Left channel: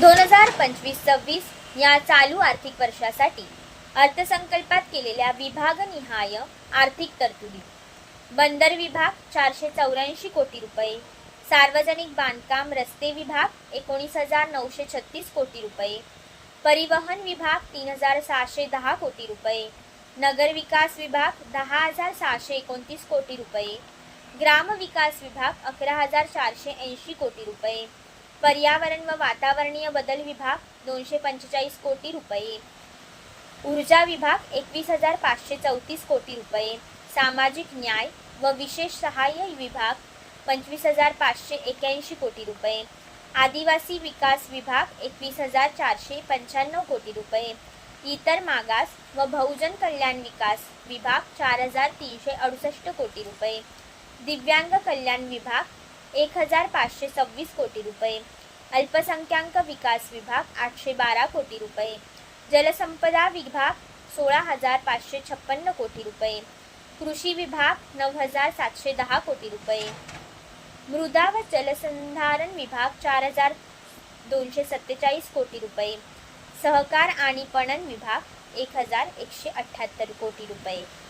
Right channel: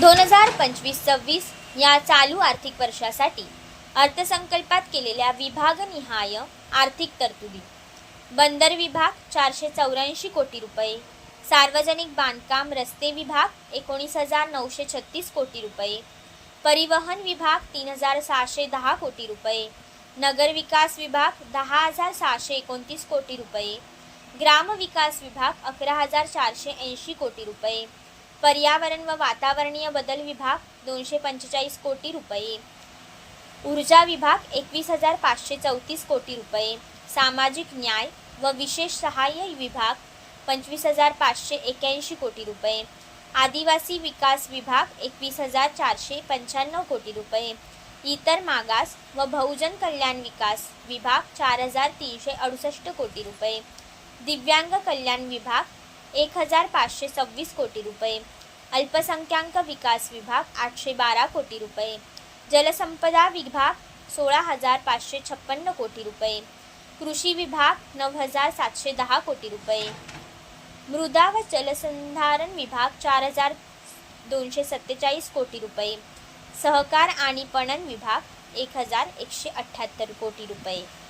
दोन हजार पंचवीस सव्वीस या चालू आर्थिक वर्षासाठी अर्थसंकल्पात केलेल्या विभागनिहाय आर्थिक तरतुदी. बंदर विभाग चारशे चौऱ्याऐंशी कोटी रुपये सार्वजनिक बांधकाम रस्ते विभाग एकोणीस हजार नऊशे छत्तीस कोटी रुपये परिवहन विभाग तीन हजार सहाशे दहा कोटी रुपये नगर विकास विभाग दहा हजार सहाशे एकोणतीस कोटी रुपये ग्राम विकास विभाग अकरा हजार चारशे ऐंशी कोटी रुपये पर्यावरण व वातावरणीय बदल विभाग दोनशे पंचेचाळीस कोटी रुपये. ऊर्जा विभाग एकवीस हजार पाचशे चौतीस कोटी रुपये. सामाजिक न्याय व विशेष सहाय्य विभाग पंचवीस हजार पाचशे एक्याऐंशी कोटी रुपये. आदिवासी विकास विभाग एकवीस हजार चारशे पंच्याण्णव कोटी रुपये. इतर मागास व बहुजन कल्याण विकास विभाग चार हजार तीनशे अडुसष्ट कोटी रुपये. दिव्यांग कल्याण विभाग एक हजार पाचशे सव्वीस कोटी रुपये. अल्पसंख्याक विकास विभाग आठशे बारा कोटी रुपये. जलसंपदा विभाग सोळा हजार पाचशे छप्पन्न कोटी रुपये. कृषी विभाग नऊ हजार सातशे दहा कोटी रुपये. मृदा व जलसंधारण विभाग चार हजार दोनशे सत्तेचाळीस कोटी रुपये. सहकार आणि पणन विभाग एक हजार एकशे अठ्ठ्याहत्तर कोटी रुपये.